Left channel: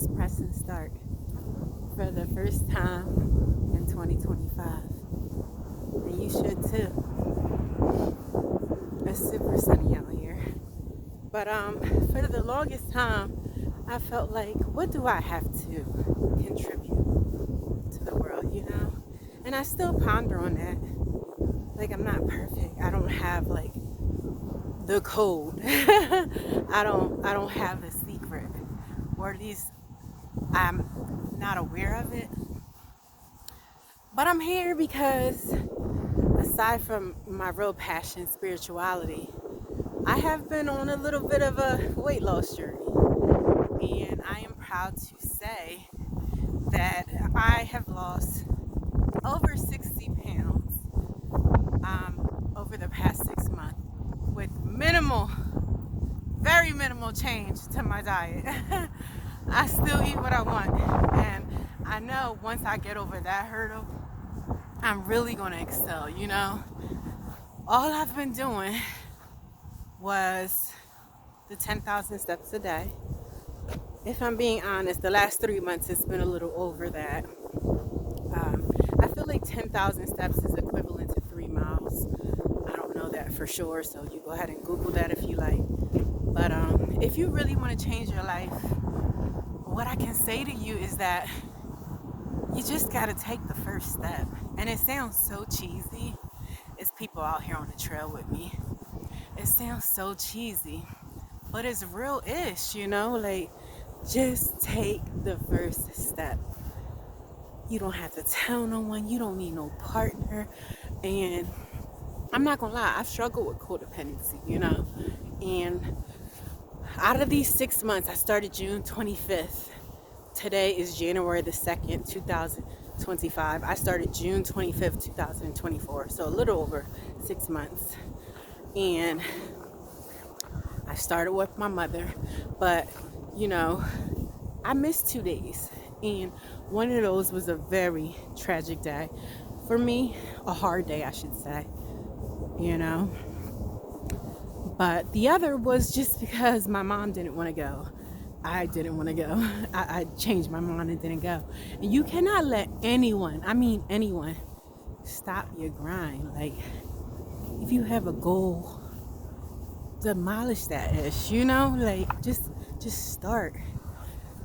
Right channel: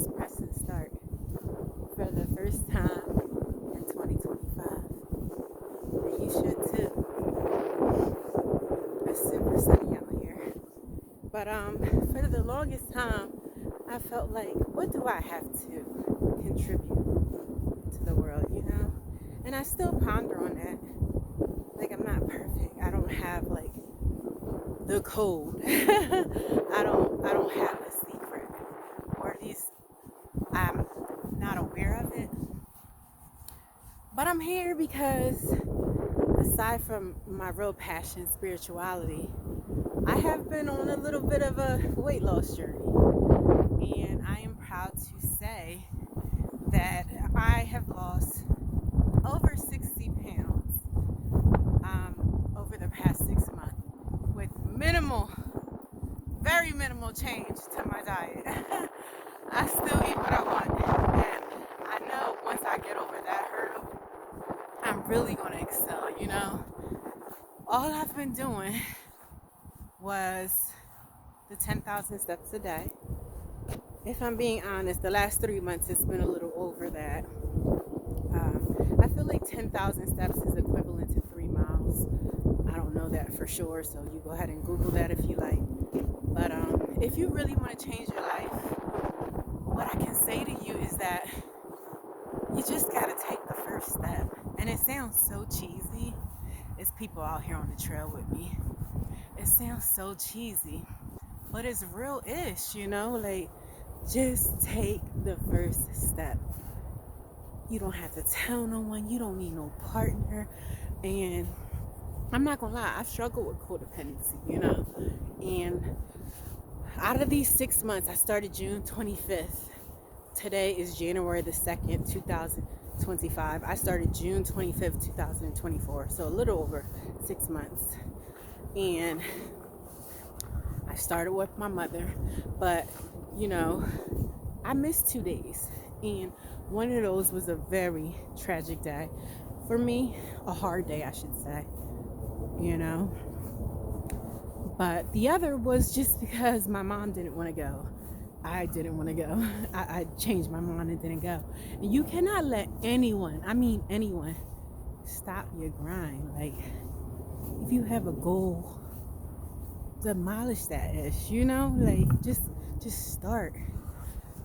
just pressing start for the first time in 2025. And you should too. It's super sunny out here. But for the longest time, I felt like, what do I have to contribute to the world, you know? And I still ponder on that. Like, I'm not perfect. I don't have like the code. I don't have the secret. Or at least I'm not aware of it. But I'm here because aside from my real passion, spirituality, I have been on a little bit of a weight loss journey. And I am proud to say that I have lost over 60 pounds over the past 6 months with very minimal change to my diet. I still eat what I want. And I know once I get over that hurdle, I'm really going to excel, you know. All I've been doing was the 10,000 steps a day. If I'm being honest, the last 3 months it's been a little over that. I feel like 10,000 steps is equivalent to 3 miles. I don't know that for sure, so you go ahead and Google that if you like. But if you really want to change your life, what I can say to you is that you just got to take the first step. And it sounds so cheesy. It's people out here on the trail with me. It sounds so cheesy, but it's real-ish, you know? Like, just take the first step. You don't have to tell no one. You don't need no partner. And I'm not gonna lie, I've struggled with codependency, you know? And out of these 6 months, I started June 25th. Today is January the 2nd, 2025. I started June 25th, 2024. So a little over 6 months. And I started with my mother. But, you know, I missed 2 days. And one of those was a very tragic day. For me, a hard day, I should say. You know? But the other was just because my mom didn't want to go. I didn't want to go. I changed my mind and didn't go. And you cannot let anyone, I mean anyone, stop your grind. Like, if you have a goal, demolish that ish, you know? Like, just start.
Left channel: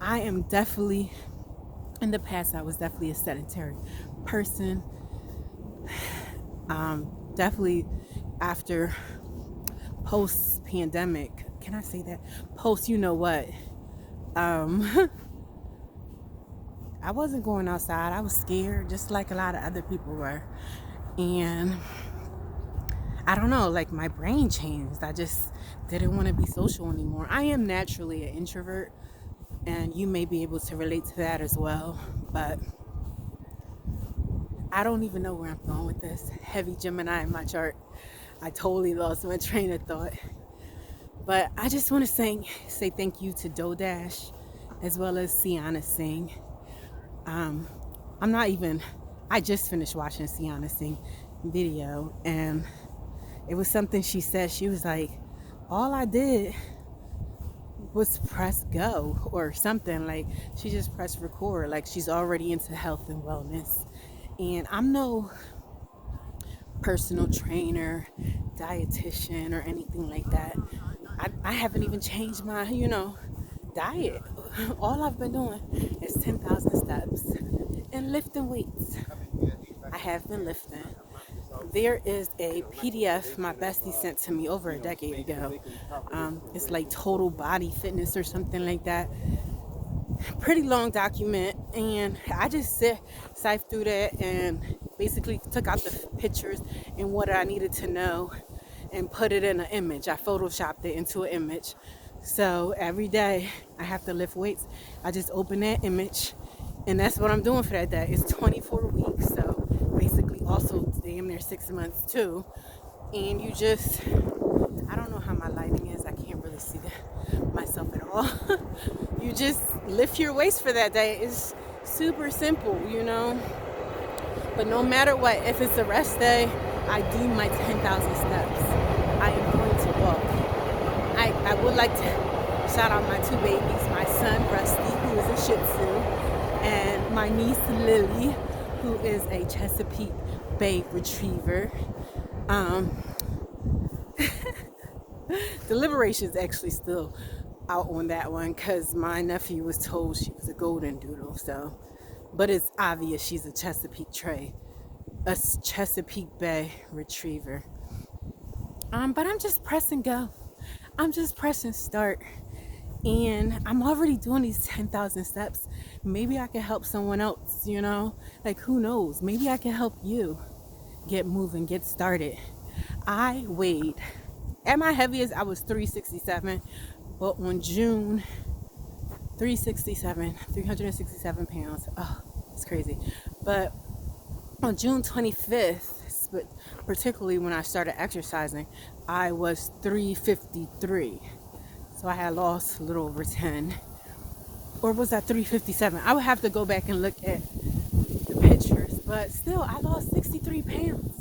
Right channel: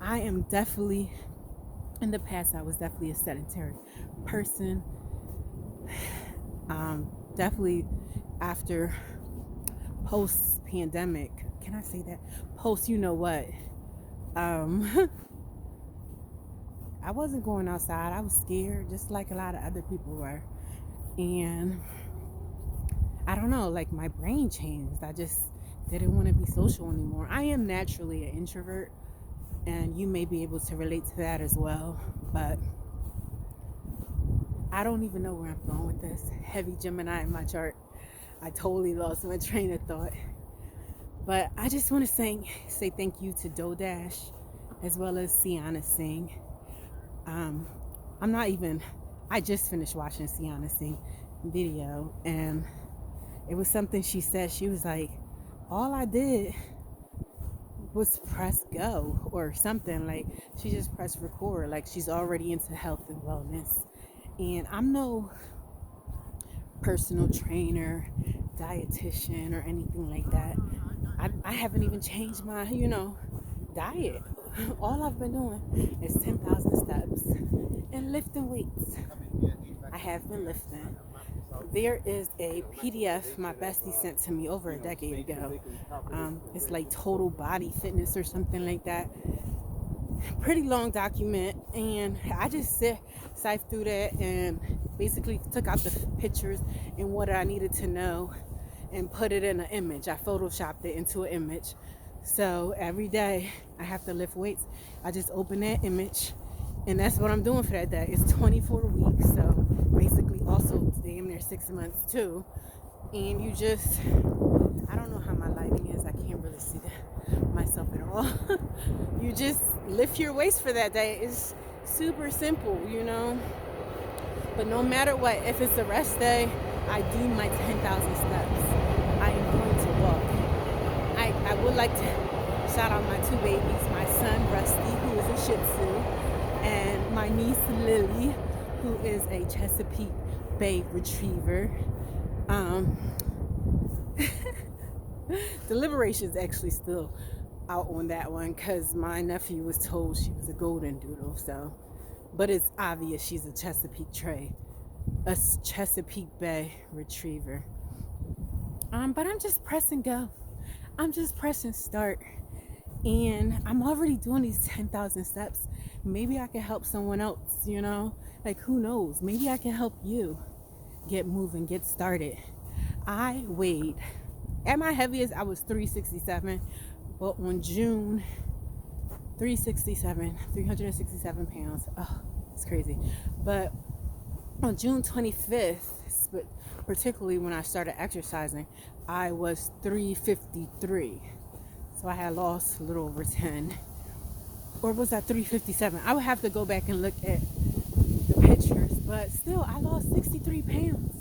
I am definitely, in the past, I was definitely a sedentary person. Definitely after post-pandemic, can I say that? Post, you know what? I wasn't going outside. I was scared, just like a lot of other people were. And I don't know, like my brain changed. I just didn't want to be social anymore. I am naturally an introvert, and you may be able to relate to that as well. But I don't even know where I'm going with this. Heavy Gemini in my chart. I totally lost my train of thought. But I just want to say thank you to DoDash as well as Sienna Singh. I just finished watching Sienna Singh video, and it was something she said. She was like, all I did was press go or something. Like, she just pressed record. Like, she's already into health and wellness. And I'm no personal trainer, dietitian, or anything like that. I haven't even changed my, diet. All I've been doing is 10,000 steps and lifting weights. I have been lifting. There is a PDF my bestie sent to me over a decade ago. It's like Total Body Fitness or something like that. Pretty long document, and I just siphoned through that and basically took out the pictures and what I needed to know and put it in an image. I photoshopped it into an image. So every day I have to lift weights. I just open that image, and that's what I'm doing for that day. It's 24 weeks, so basically also damn near 6 months too. And you just, I don't know how my lighting is. I can't really see myself at all. You just lift your weights for that day. It's super simple, you know. But no matter what, if it's a rest day, I do my 10,000 steps. I am going to walk. I would like to shout out my 2 babies, my son Rusty, who is a my niece Lily, who is a Chesapeake Bay Retriever. Um, Deliberation is actually still out on that one because my nephew was told she was a golden doodle. So, but it's obvious she's a Chesapeake Bay Retriever. But I'm just pressing go. I'm just pressing start. And I'm already doing these 10,000 steps. Maybe I can help someone else, you know? Like, who knows? Maybe I can help you get moving, get started. I weighed, at my heaviest, I was 367. But on June, 367 pounds. Oh, it's crazy. But on June 25th, particularly when I started exercising, I was 353. So I had lost a little over 10. Or was that 357? I would have to go back and look at the pictures. But still, I lost 63 pounds.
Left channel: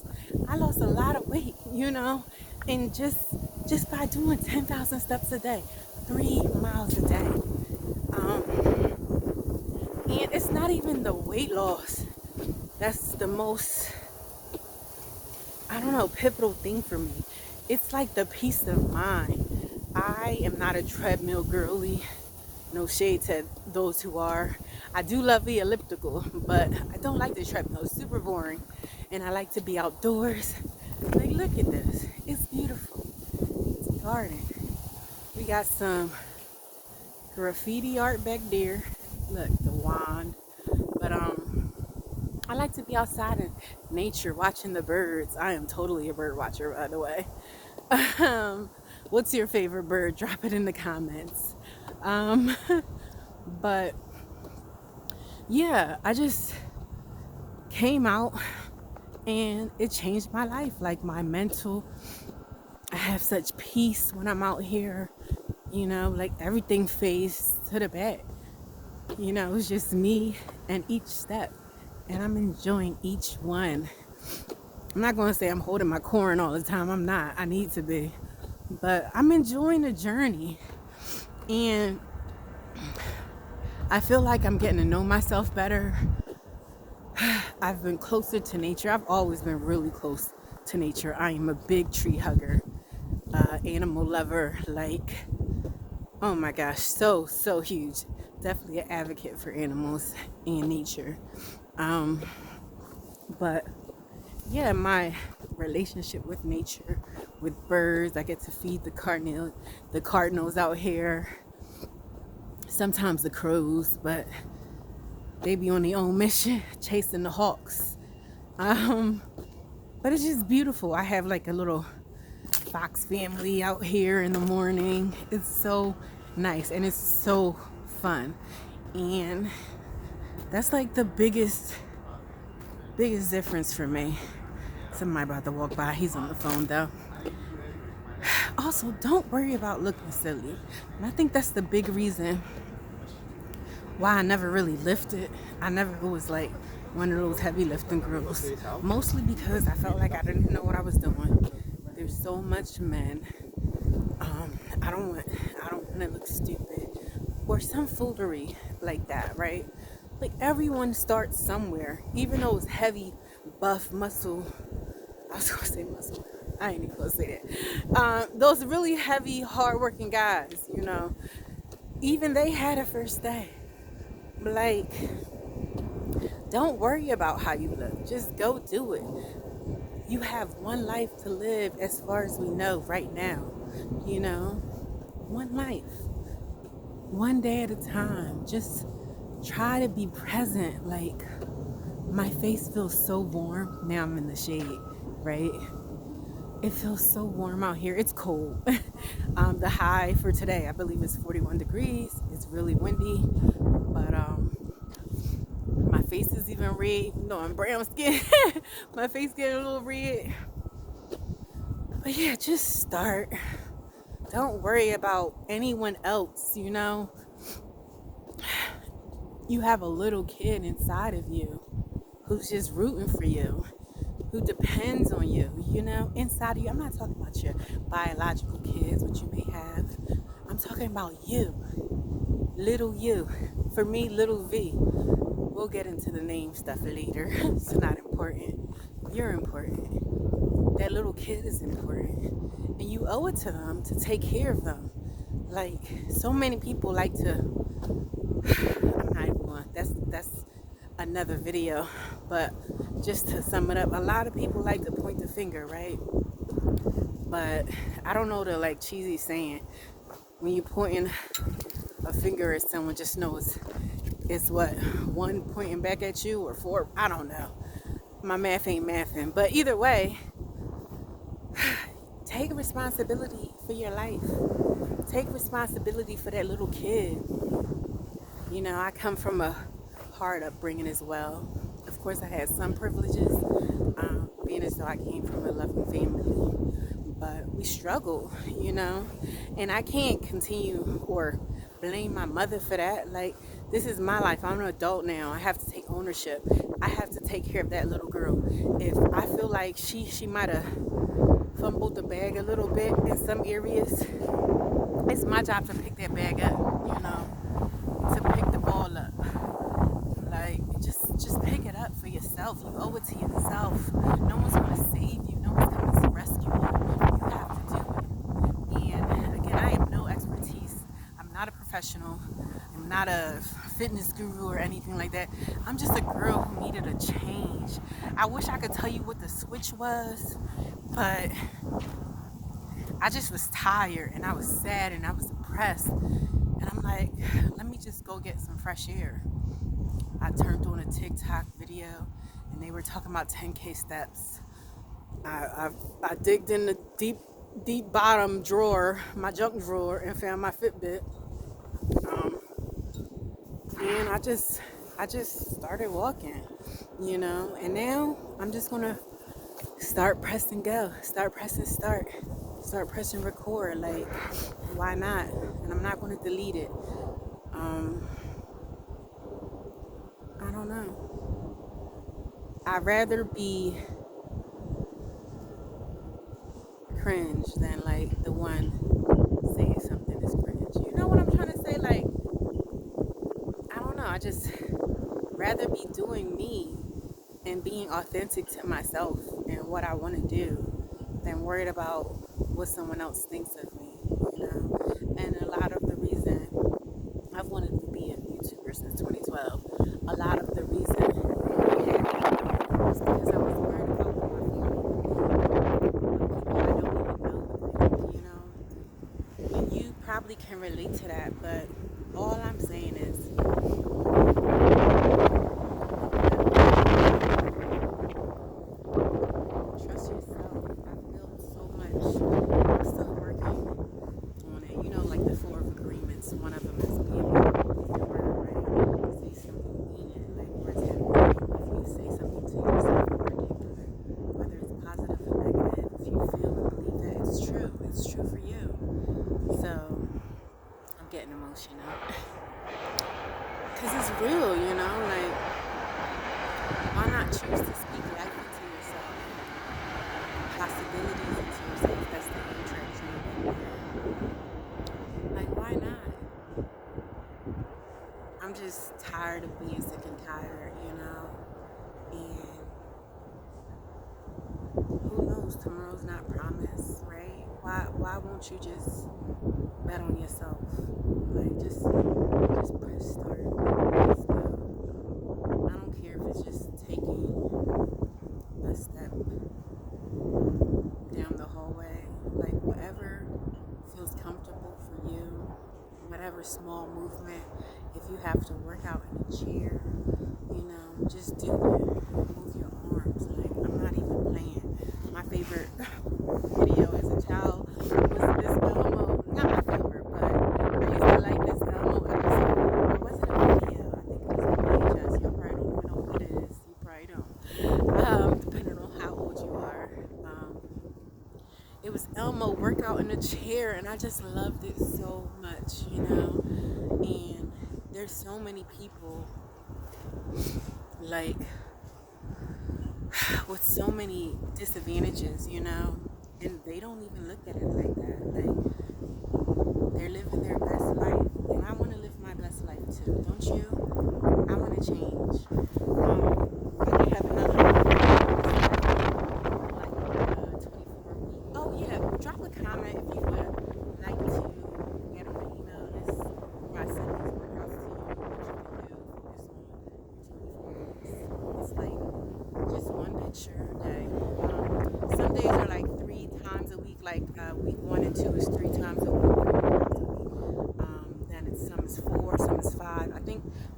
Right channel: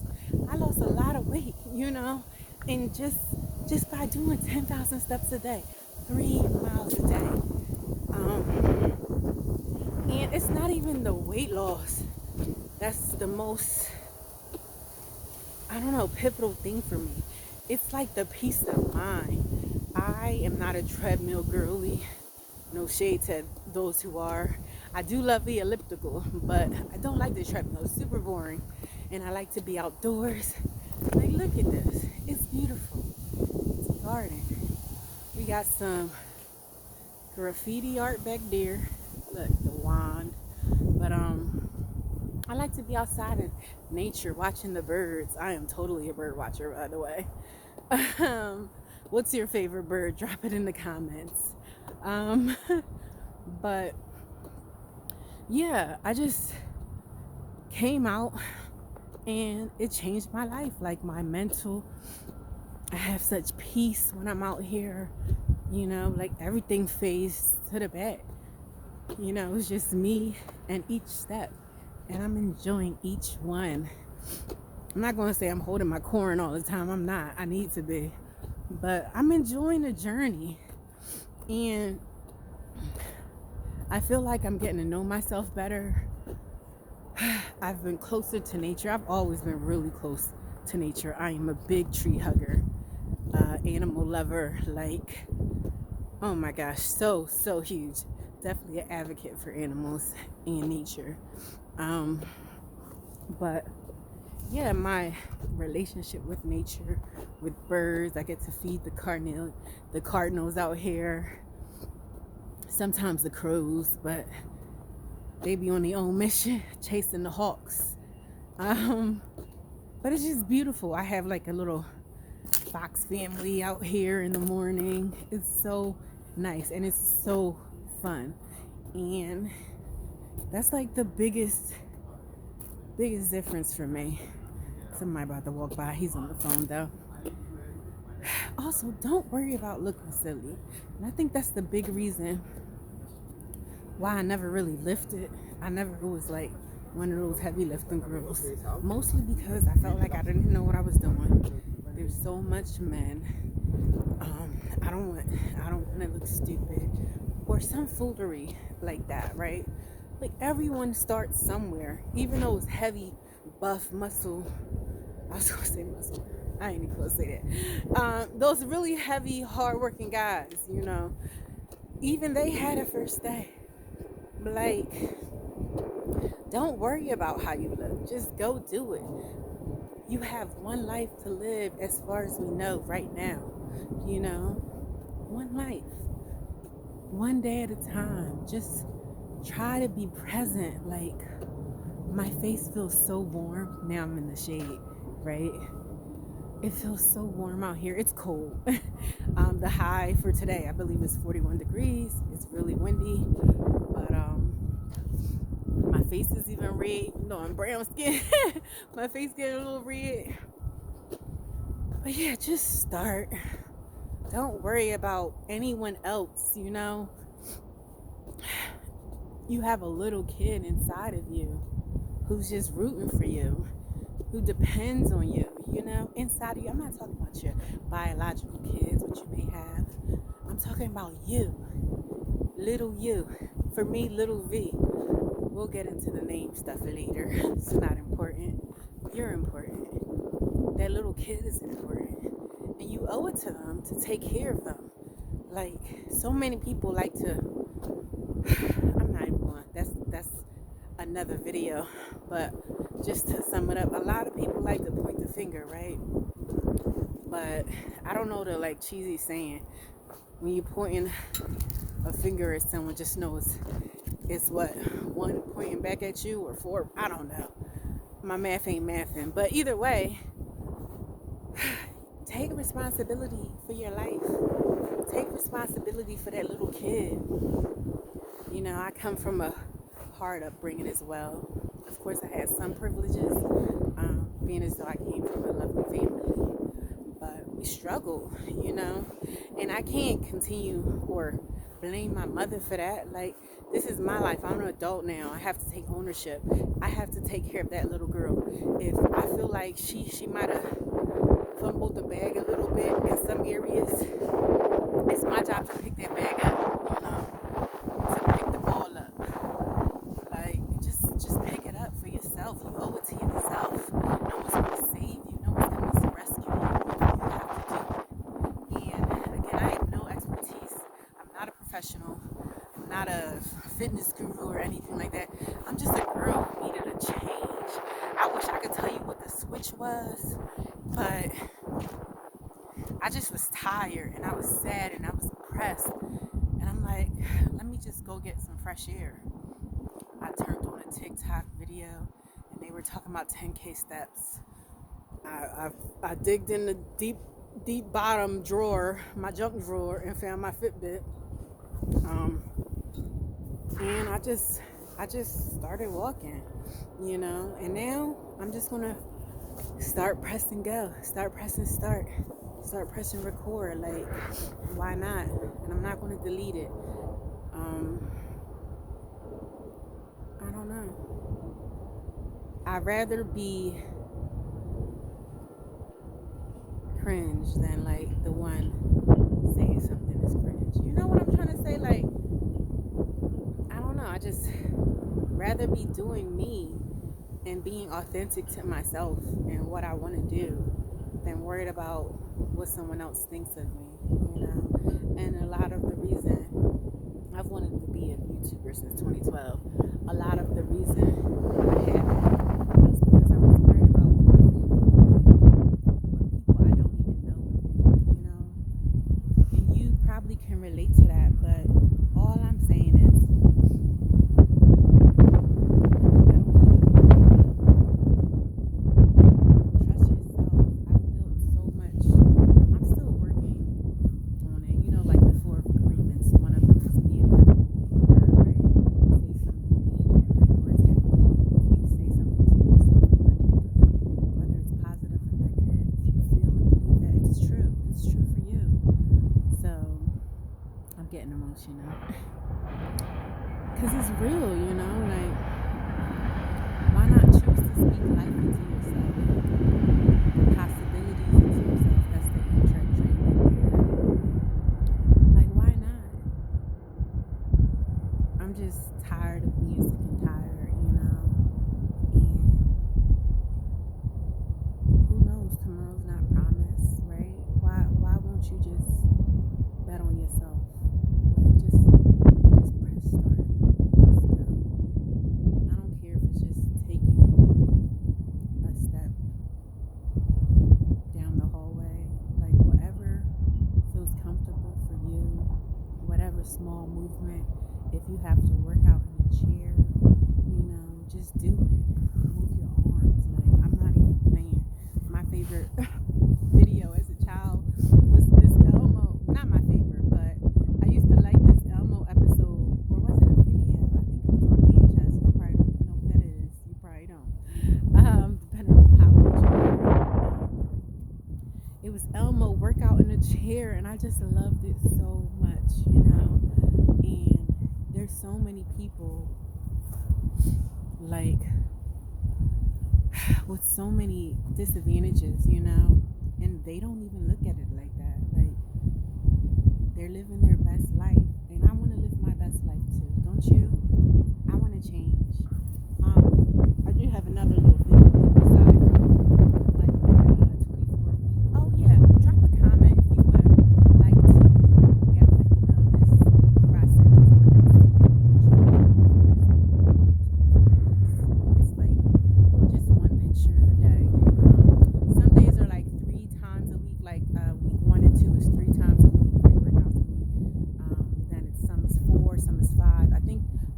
I lost a lot of weight, you know? And just by doing 10,000 steps a day, 3 miles a day. And it's not even the weight loss that's the most, I don't know, pivotal thing for me. It's like the peace of mind. I am not a treadmill girly. No shade to those who are. I do love the elliptical, but I don't like the treadmill. It's super boring. And I like to be outdoors. Like, look at this. It's beautiful. It's a garden. We got some graffiti art back there. Look, the wand. But I like to be outside in nature, watching the birds. I am totally a bird watcher, by the way. What's your favorite bird? Drop it in the comments. But yeah, I just came out and it changed my life. Like my mental, I have such peace when I'm out here, you know, like everything fades to the back. You know, it's just me and each step. And I'm enjoying each one. I'm not going to say I'm holding my corn all the time. I'm not. I need to be. But I'm enjoying the journey. And I feel like I'm getting to know myself better. I've been closer to nature. I've always been really close to nature. I am a big tree hugger, animal lover. Like, oh my gosh, so huge. Definitely an advocate for animals and nature. But yeah, my relationship with nature, with birds, I get to feed the cardinals out here. Sometimes the crows, but they be on their own mission chasing the hawks. But it's just beautiful. I have like a little fox family out here in the morning. It's so nice and it's so fun. And that's like the biggest difference for me. Somebody about to walk by. He's on the phone though. Also, don't worry about looking silly. And I think that's the big reason why I never really lifted. I never was like one of those heavy lifting girls. Mostly because I felt like I didn't know what I was doing. There's so much men. I don't want to look stupid or some foolery like that, right? Like everyone starts somewhere, even those heavy, buff, muscle. I was gonna say muscle. I ain't even gonna say that. Those really heavy, hardworking guys, you know, even they had a first day. Like, don't worry about how you look. Just go do it. You have one life to live, as far as we know right now. You know, one life, one day at a time. Just try to be present. Like, my face feels so warm. Now I'm in the shade, right? It feels so warm out here. It's cold. The high for today, I believe, is 41 degrees. It's really windy, but my face is even red. No, I'm brown skin. My face getting a little red. But yeah, just start. Don't worry about anyone else, you know. You have a little kid inside of you who's just rooting for you, who depends on you, you know, inside of you. I'm not talking about your biological kids, which you may have. I'm talking about you, little you. For me, little V we'll get into the name stuff later. It's not important. You're important. That little kid is important. And you owe it to them to take care of them. Like, so many people like to, I'm not even going, that's another video. But just to sum it up, a lot of people like to point the finger, right? But I don't know the like cheesy saying. When you pointing a finger at someone, just know it's what, one pointing back at you or four, I don't know. My math ain't mathing. But either way, take responsibility for your life. Take responsibility for that little kid. You know, I come from a hard upbringing as well. Of course, I had some privileges, being as though I came from a loving family. But we struggle, you know. And I can't continue or blame my mother for that. Like, this is my life. I'm an adult now. I have to take ownership. I have to take care of that little girl. If I feel like she might have fumbled the bag a little bit in some areas, it's my job to pick that bag up, you know, to pick the ball up. Like, just pick it up for yourself. You owe it to yourself. No one's going to save you. No one's coming to rescue you. You have to do it. And again, I have no expertise. I'm not a professional. I'm not a fitness guru or anything like that. I'm just a girl who needed a change. I wish I could tell you what the switch was, but I just was tired and I was sad and I was depressed. And I'm like, let me just go get some fresh air. I turned on a TikTok video and they were talking about 10K steps. I digged in the deep bottom drawer, my junk drawer, and found my Fitbit. And I just started walking, you know. And now I'm just gonna start pressing go, start pressing start pressing record. Like, why not? And I'm not gonna delete it. I don't know. I'd rather be cringe than like the one saying something is cringe. You know what I'm trying to say? Like, I don't know. I just rather be doing me and being authentic to myself and what I want to do than worried about what someone else thinks of me, you know. And a lot of the reason I've wanted to be a YouTuber since 2012, a lot of the reason was because I was worried about what my family, what people I don't even know, you know. And you probably can relate to that, but all I'm saying is, trust yourself. I've built so much. I'm still working on it. You know, like the 4 agreements. One of them is being your word, right? Say something, mean it. Like, words have meaning. If you say something to yourself in particular, whether it's positive or negative, if you feel and believe that it's true for you. So I'm getting emotional. Because it's real, you know, like, why not choose to speak life into yourself? Possibilities into yourself. That's the Amtrak train right there. Like, why not? I'm just tired of being sick and tired, you know, and who knows, tomorrow's not promised, right? Why won't you just bet on yourself? Like, just press start. Let's go. I don't care if it's just taking a step down the hallway. Like, whatever feels comfortable for you, whatever small movement. If you have to work out in a chair, you know, just do it. Move your arms. Like, I'm not even playing. My favorite video as a child was this Elmo. Not my favorite, but I used to like this Elmo episode. Or was it a video? I think it was on VHS. Y'all probably don't even know what it is. You probably don't. Depending on how old you are. It was Elmo workout in a chair, and I just loved it so much, you know. And there's so many people like with so many disadvantages, you know, and they don't even look at it like that. Like, they're living their best life, and I want to live my best life too, don't you? I want to change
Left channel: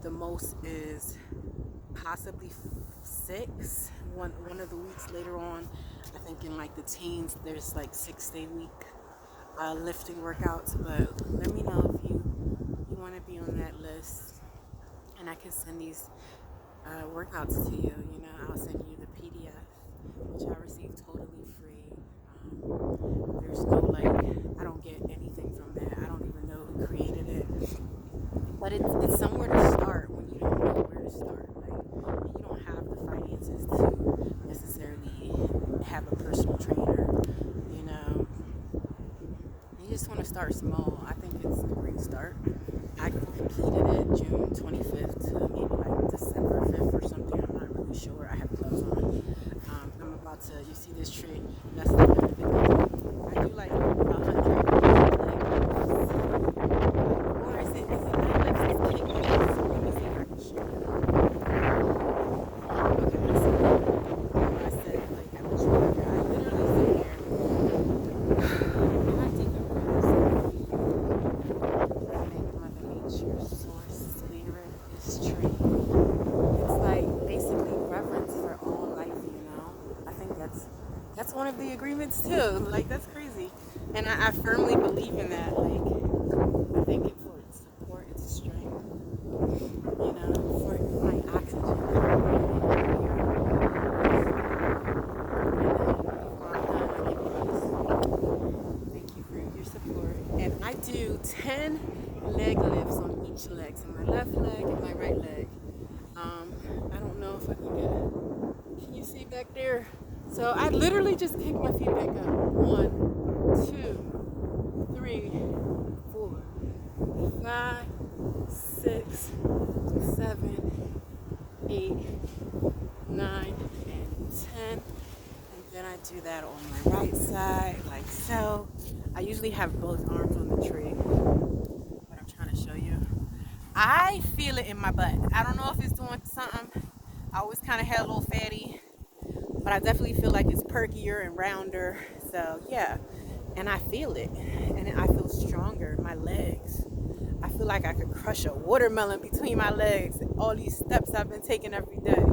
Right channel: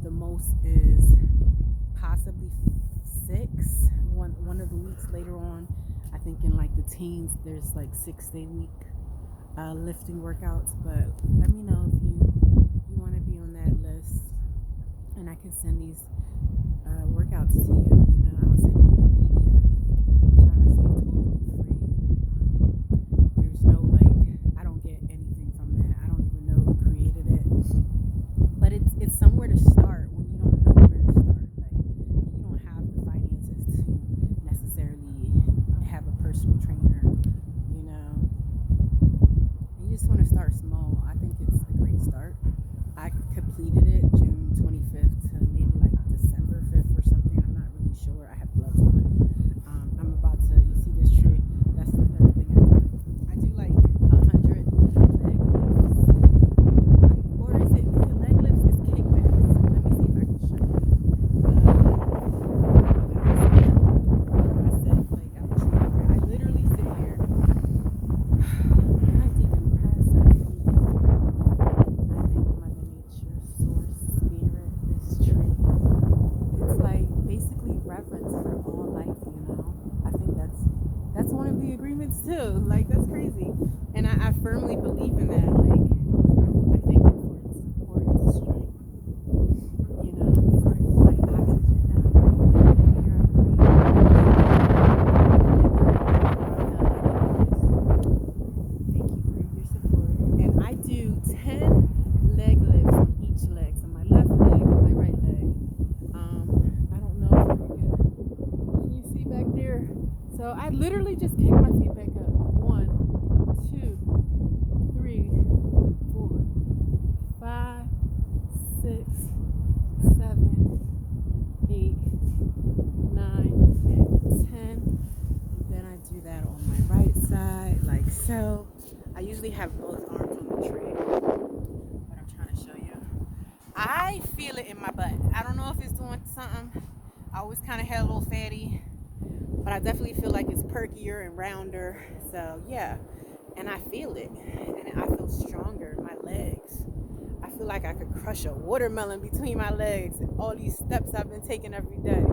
The most is possibly 6. One of the weeks later on, I think in like the teens, there's like 6-day week lifting workouts. But let me know if you want to be on that list, and I can send these workouts to you. You know, I'll send you the PDF, which I received totally free. There's no like, I don't get anything from that. I don't even know who created it, but it's somewhere to start when you don't know where to start. Like, and you don't have the finances to necessarily have a personal trainer. You know, you just want to start small. I think it's a great start. I completed it June 25th to maybe like December 5th or something. I'm not really sure. I have gloves on. I'm about to, you see this tree? That's the limit. I do like 100 legs. Or is it leg lifts? It's kickbacks. Let me see if I can show you. Okay, so I said, like, I'm just here. I literally sit here. And I think I'm I think Mother Nature, Source, Spirit, this tree. It's like basically reverence for all life, you know. I think that's one of the agreements too. Like, that's crazy. And I firmly believe in that. Like, I thank it for its support, its strength, you know, for like oxygen. Thank you for your support. And I do 10 leg lifts on each leg. So my left leg and my right leg. I don't know if you can you see back there? So I literally just kick my feet back up. 1, 2, 3, 4, 5, 6, 7, 8, 9, and 10. And then I do that on my right side, like so. I usually have both arms on the tray, but I'm trying to show you. I feel it in my butt. I don't know if it's doing something. I always kind of had a little fatty, but I definitely feel like it's perkier and rounder. So yeah, and I feel it, and I feel stronger. My legs, I feel like I could crush a watermelon between my legs. All these steps I've been taking every day.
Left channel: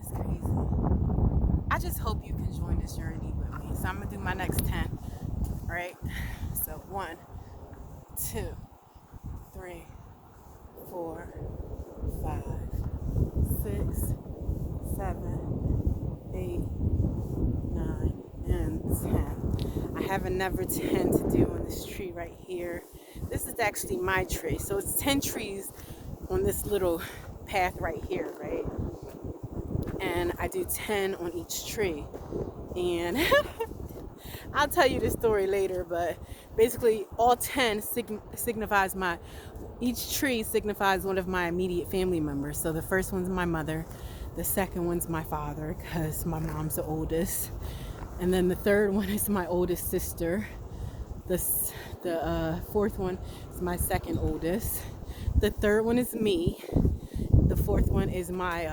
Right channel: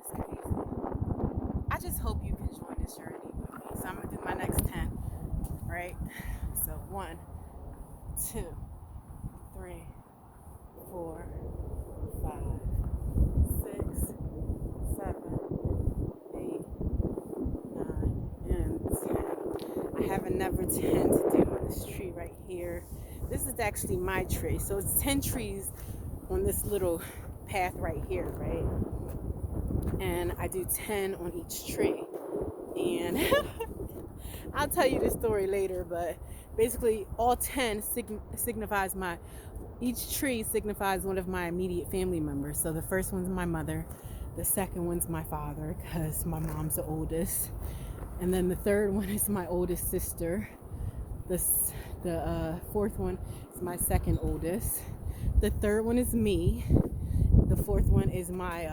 It's crazy. I just hope you can join this journey with me. So I'm gonna do my next 10, right? So 1, 2, 3, 4, 5, 6, 7, 8, 9, and 10. I have another 10 to do on this tree right here. This is actually my tree. So it's 10 trees on this little path right here, right? And I do 10 on each tree. And I'll tell you the story later, but basically all 10 signifies each tree signifies one of my immediate family members. So the first one's my mother, the second one's my father, because my mom's the oldest, and then the third one is my oldest sister. The fourth one is my second oldest. The third one is me. The fourth one is my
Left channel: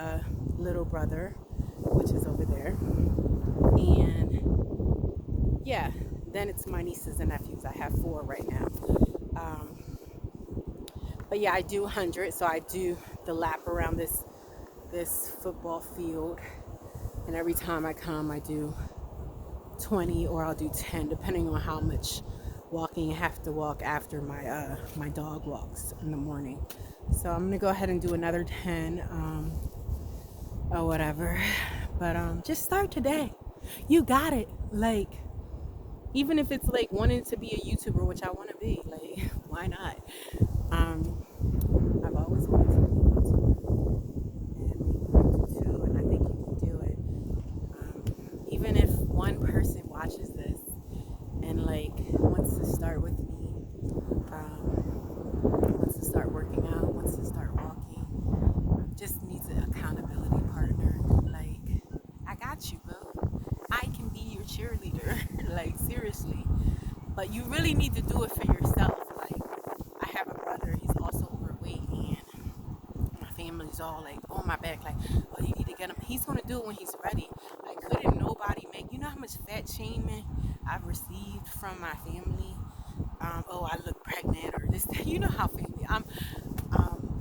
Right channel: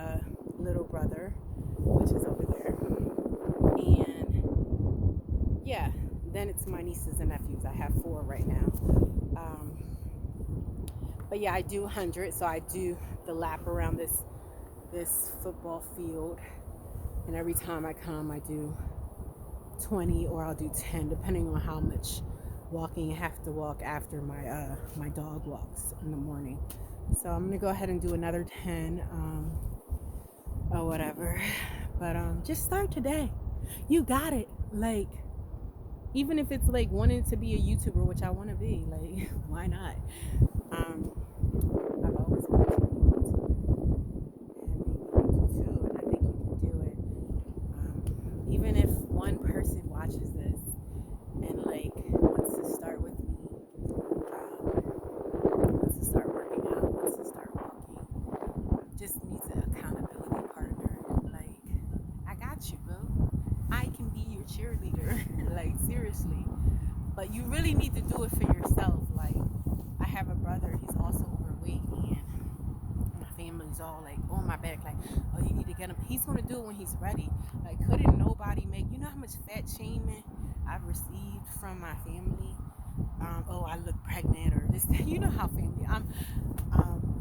little brother, which is over there. And yeah, then it's my nieces and nephews. I have 4 right now. But yeah, I do 100. So I do the lap around this football field, and every time I come, I do 20 or I'll do 10, depending on how much walking I have to walk after my dog walks in the morning. So I'm gonna go ahead and do another 10 or whatever. But just start today. You got it. Like, even if it's like wanting to be a YouTuber, which I want to be, like, why not? I've always wanted to be a YouTuber, and you do too, and I think you can do it. Even if one person watches this and like wants to start with me, wants to start working out, wants to start walking, just needs an accountability partner. Like, I got you, boo. I can be your cheerleader. Like, seriously. But you really need to do it for yourself. Like, I have a brother, he's also overweight, and my family's all like on my back, like, oh, you need to get him. He's gonna do it when he's ready. Like, couldn't nobody make, you know how much fat shaming I've received from my family? Oh, I look pregnant or this. You know how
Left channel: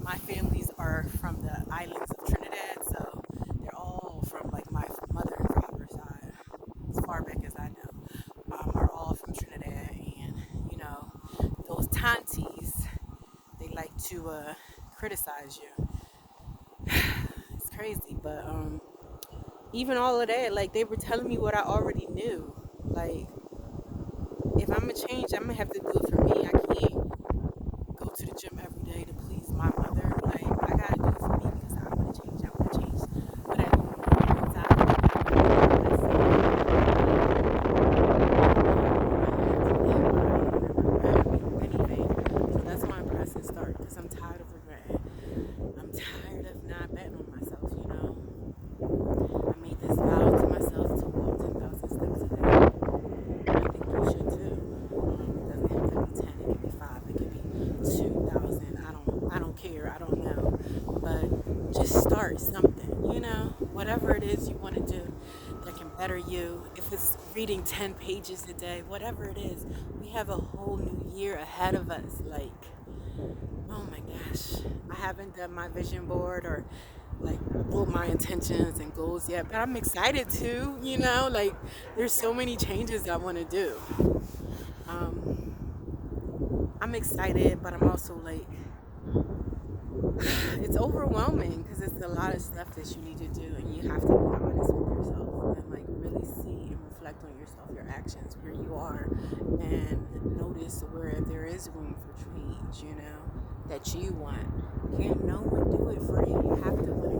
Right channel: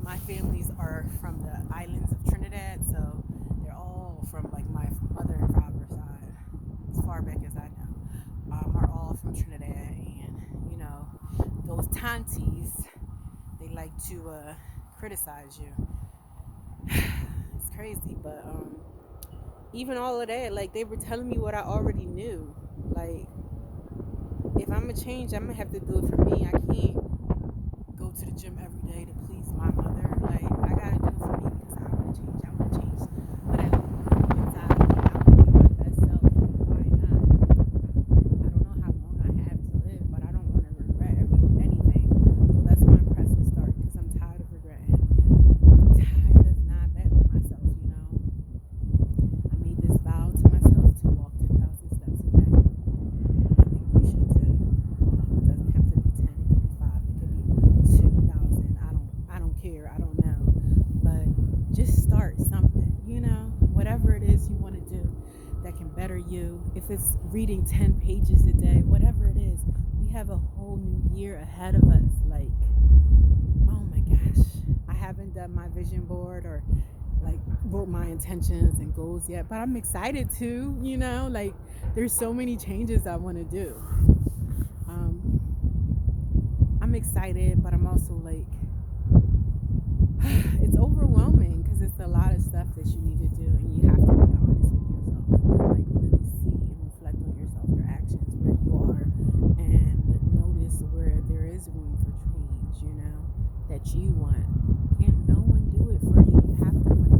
my families are from the islands of Trinidad, so they're all from like my mother and father's side, as far back as I know, are all from Trinidad, and those tanties, they like to criticize you. It's crazy, but even all of that, like they were telling me what I already knew. Like if I'm gonna change, I'm gonna have to do it for me. I can't go to the gym every day to please my mother. Like I gotta do it for me because I want to change. I want to change. But at inside of anything. So that's when my process starts because I'm tired of regretting. I'm tired of not betting on myself. I made this vow to myself to walk 10,000 steps a day. I think you should too. It doesn't have to be 10. It could be 5. It could be 2,000. I don't care. I don't know. But just start something. Whatever it is you want to do that can better you. If it's reading 10 pages a day, whatever it is, we have a whole new year ahead of us. Like, oh my gosh, I haven't done my vision board or like wrote my intentions and goals yet, but I'm excited to. Like there's so many changes I want to do. I'm excited, but I'm also like it's overwhelming because it's a lot of stuff that you need to do, and you have to be honest with yourself and like really see and reflect on yourself, your actions, where you are, and notice where there is room for change. That you want. Can't no one do it for you. You have to want